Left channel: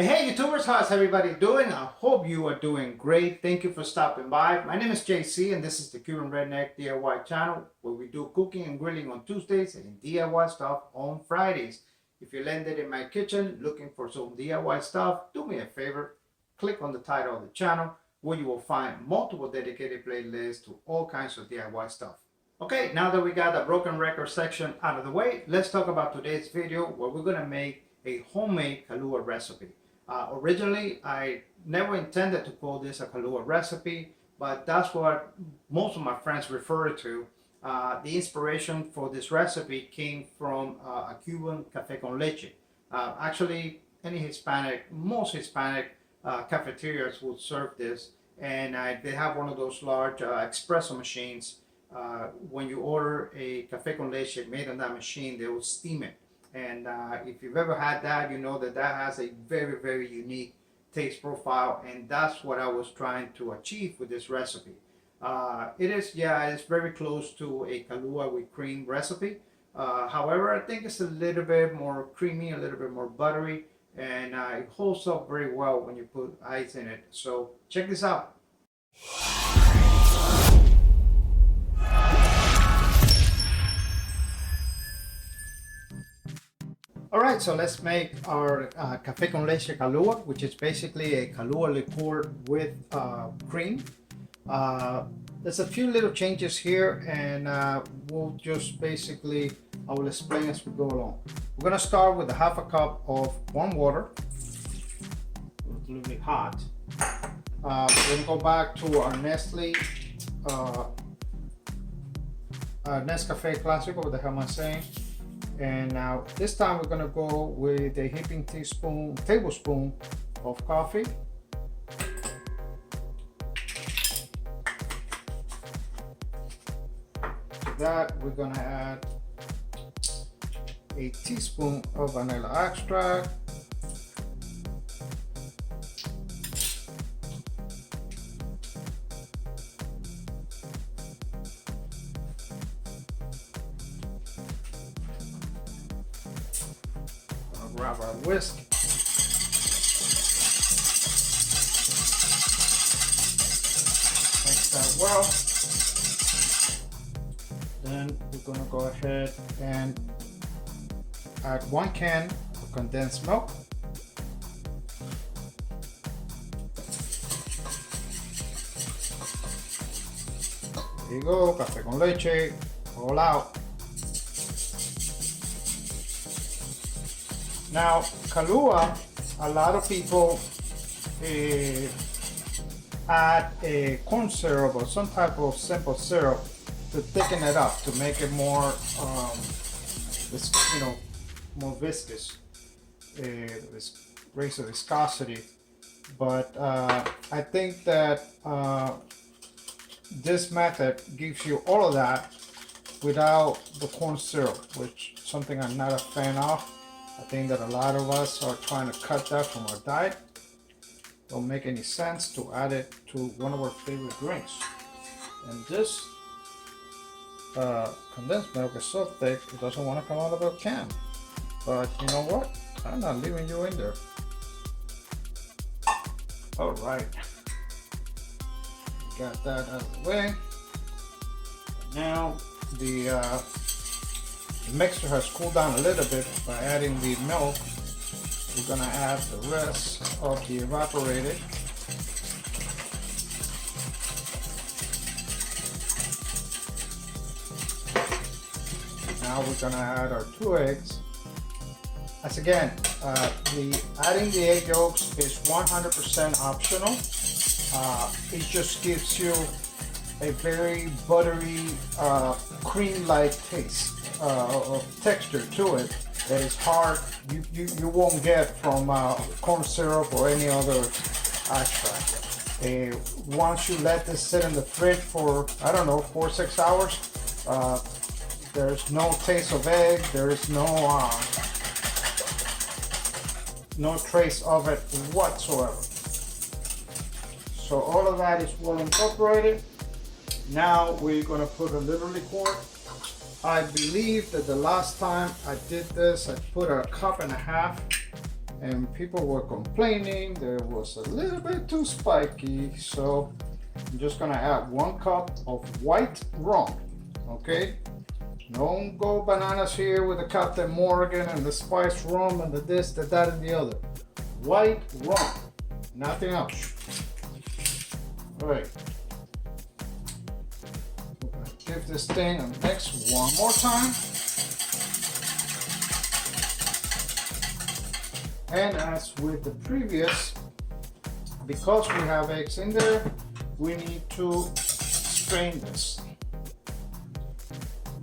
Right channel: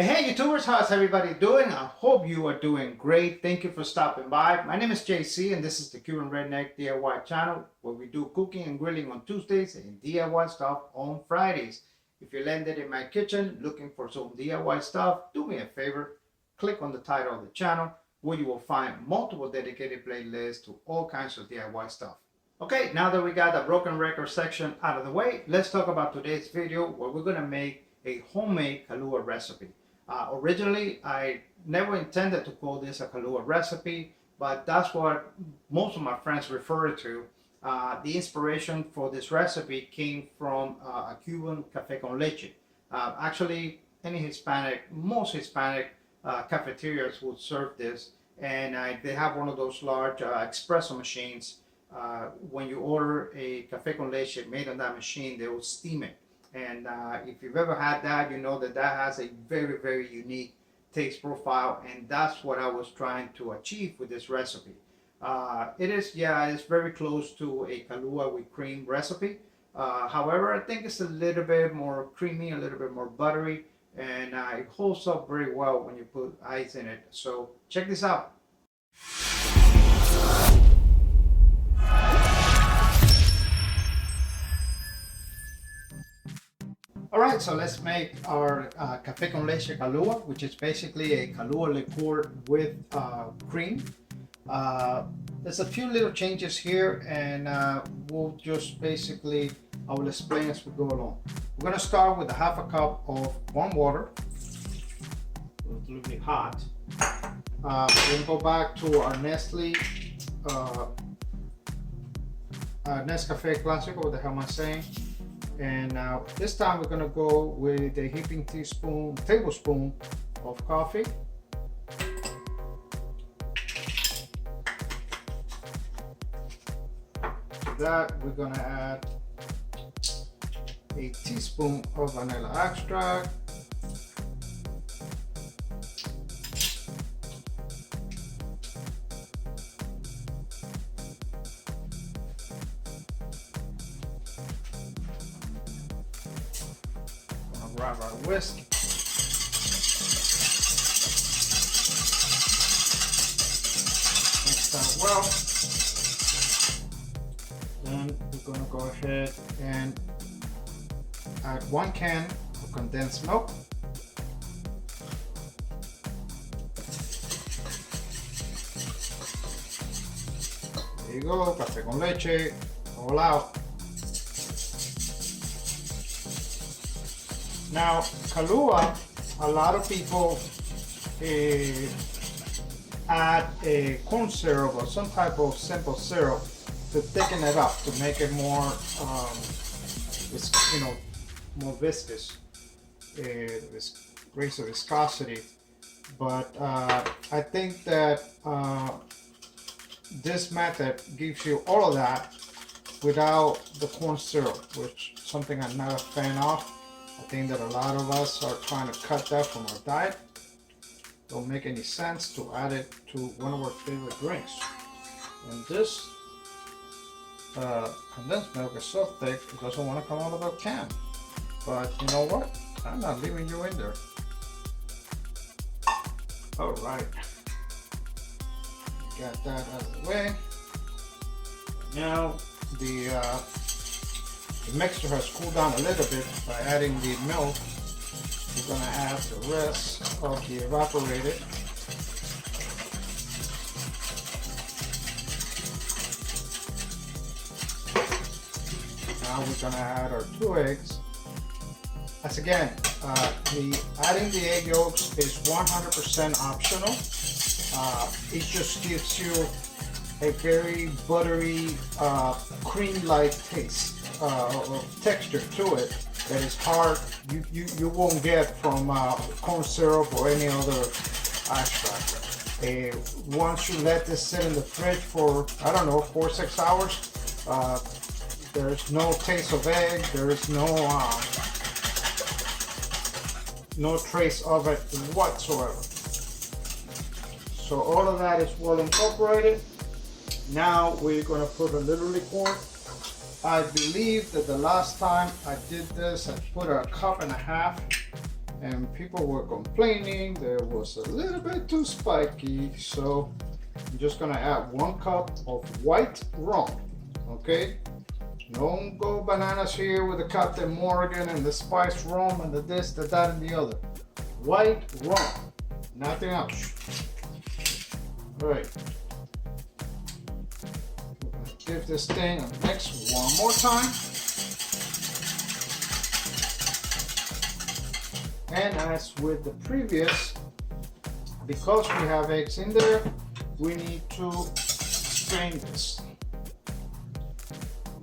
Hey YouTubers, how's everybody doing? I hope you are doing great. Thank you for stopping by. My name is JC and this is the Cuban Redneck DIY channel where we do cooking and grilling on Tuesdays and DIY stuff on Fridays. If you landed in my kitchen looking for some DIY stuff, do me a favor, click on the title of the channel where you will find multiple dedicated playlists to all kinds of DIY stuff. Okay, now that we got the broken record section out of the way, let's talk about today's video where we're gonna make a homemade Kahlua recipe. Originally, I never intended to call this a Kahlua recipe, but that's what most of my friends refer it to. The inspiration for this recipe came from a Cuban Café con Leche. Actually, most Hispanic cafeterias would serve this, and they have one of those large espresso machines. When you order a Café con Leche made on that machine, they will steam it. And if you've ever had that, you know that that has a very, very unique taste profile, and that's what I was trying to achieve with this recipe. It's very close to a Kahlua with cream recipe. However, I think it's a little bit more creamy, a little bit more buttery, and it holds up very well when you put ice in it. So check this out. Alright, so let's make our Café con Leche Kahlua, which is basically a Kahlua liqueur with cream. There's a few little changes here, and we'll just basically, I will explain as we go along. We're going to start with a half a cup of warm water. It's a little bit hot. We're going to go back to our Nescafe Clásico, what the hell am I saying? And now this time we're going to go with a heaping tablespoon of coffee. To that we're going to add a teaspoon of vanilla extract. Grab our whisk. Mix that well. Then we're going to go ahead and add 1 can of condensed milk. There you go, café con leche, all out. Now, Kahlua, a lot of people add a corn syrup or some type of simple syrup to thicken it up, to make it more, more viscous, greater viscosity. But I think that this method gives you all of that without the corn syrup, which is something I'm not a fan of. I think that a lot of us are trying to cut that from our diet. Don't make any sense to add it to one of our favorite drinks. And this condensed milk is so thick it doesn't want to come out of a can. But you know what? I'm not leaving you in there. All right, got that out of the way. Now the mixture has cooled down a little bit. By adding the milk, we're going to add the rest of the evaporated. Now we're going to add our 2 eggs. As again, adding the egg yolks is 100% optional. It just gives you a very buttery, cream-like taste. Texture to it that is hard, you won't get from corn syrup or any other extract. Once you let this sit in the fridge for, I don't know, 4 or 6 hours, there's no taste of egg, there's no trace of it whatsoever. So all of that is well incorporated. Now we're going to put a little liqueur. I believe that the last time I did this, I put 1.5 cups and people were complaining there was a little bit too spiky, so I'm just gonna add 1 cup of white rum. Okay, don't go bananas here with the Captain Morgan and the spice rum and the this, the that, and the other. White rum, nothing else. All right, we're gonna give this thing a mix one more time. And as with the previous, because we have eggs in there, we need to strain this.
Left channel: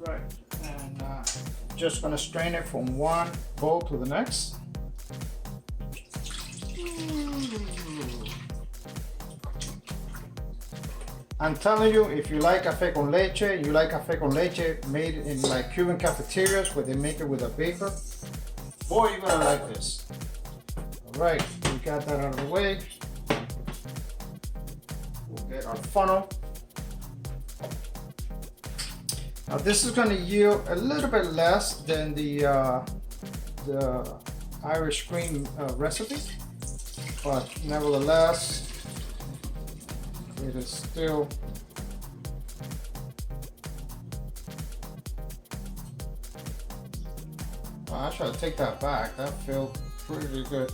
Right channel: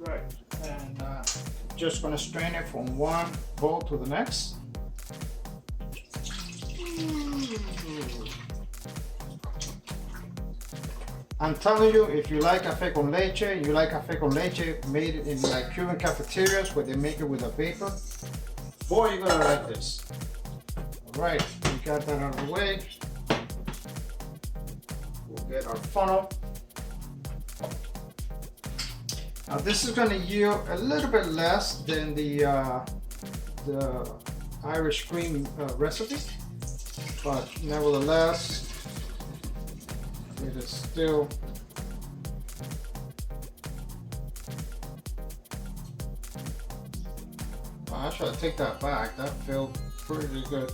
Right, and just gonna strain it from one bowl to the next. I'm telling you, if you like café con leche, you like café con leche made in like Cuban cafeterias where they make it with a vapor, boy, you're gonna like this. All right, we got that out of the way. We'll get our funnel. Now this is going to yield a little bit less than the Irish cream recipe, but nevertheless, it is still I should take that back. That felt pretty good.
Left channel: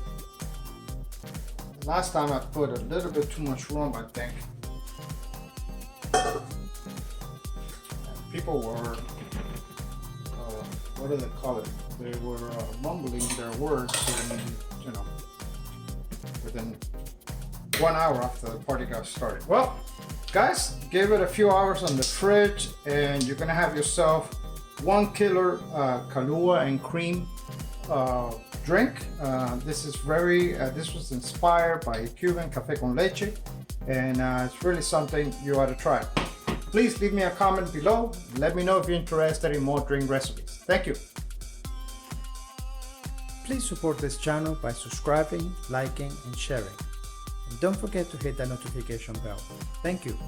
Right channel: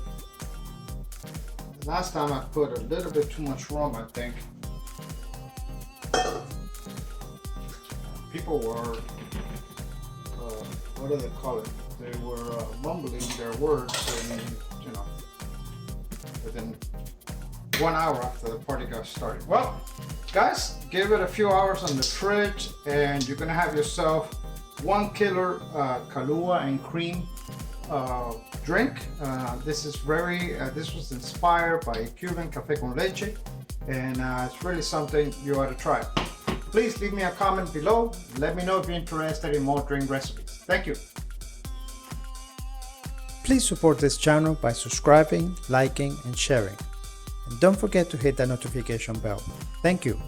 Last time I put a little bit too much rum, I think. People were, what do they call it? They were mumbling their words, and you know, within 1 hour after the party got started. Well, guys, give it a few hours on the fridge, and you're gonna have yourself one killer Kahlua and cream drink. This is this was inspired by Cuban café con leche, and it's really something you ought to try. Please leave me a comment below. Let me know if you're interested in more drink recipes. Thank you. Please support this channel by subscribing, liking, and sharing. And don't forget to hit that notification bell. Thank you.